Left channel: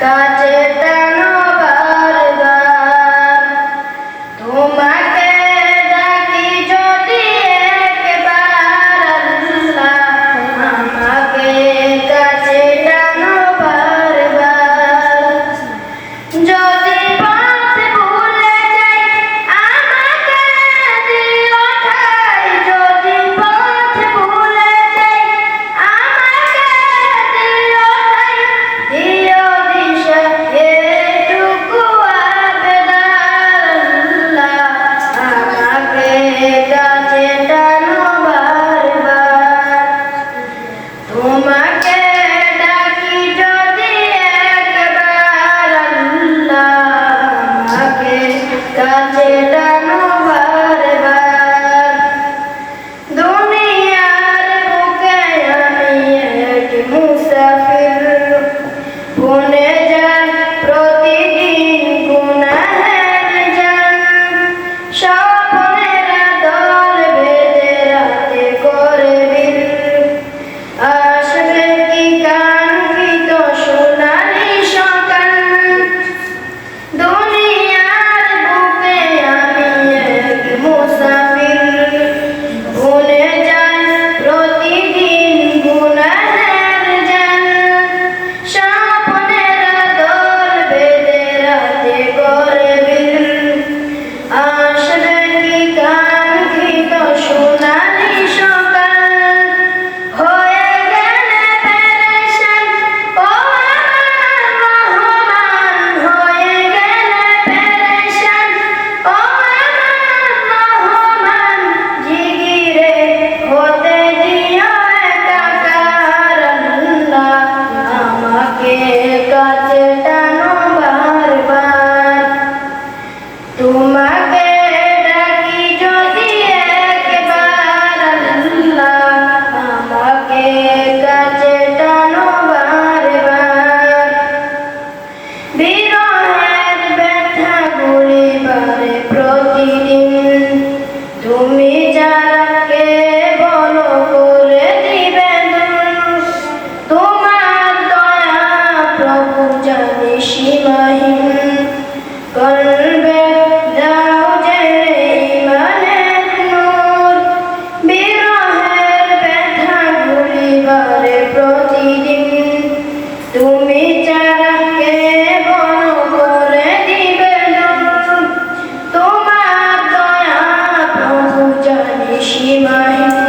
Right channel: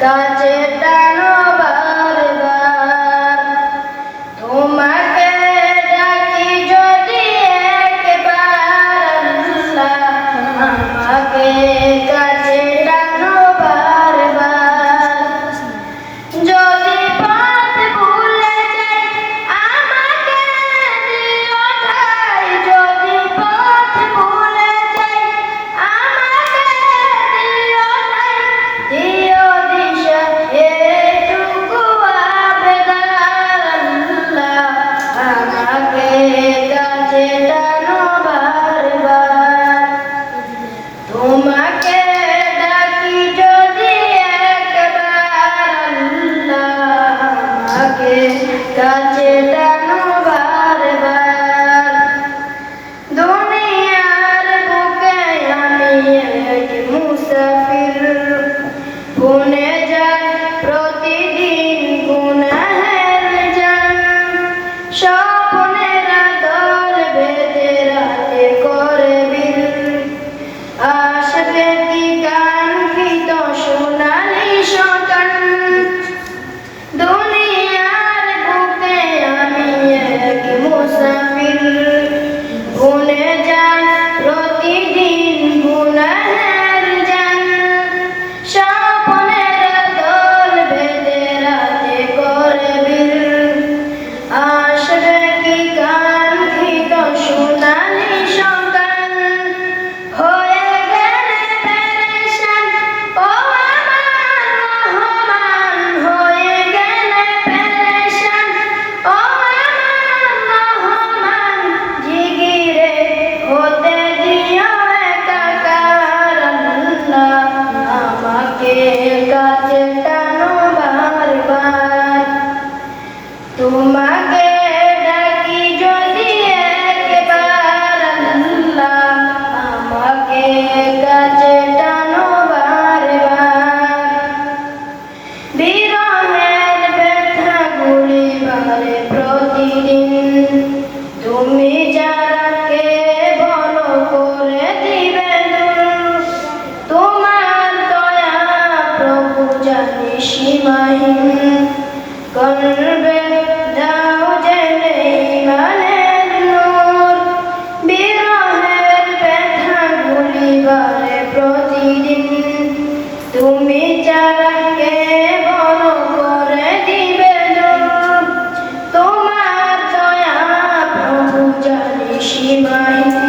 God it. mensaje জানে সীমাহীন। কলবে দাও জানে ইমানের নূর। বিরহের ব্যথা গুলি বাড়ে প্রতিদিন। তুমি চারাকে বন করে দিবে তোমার দয়া প্রভু জানে সীমাহীন।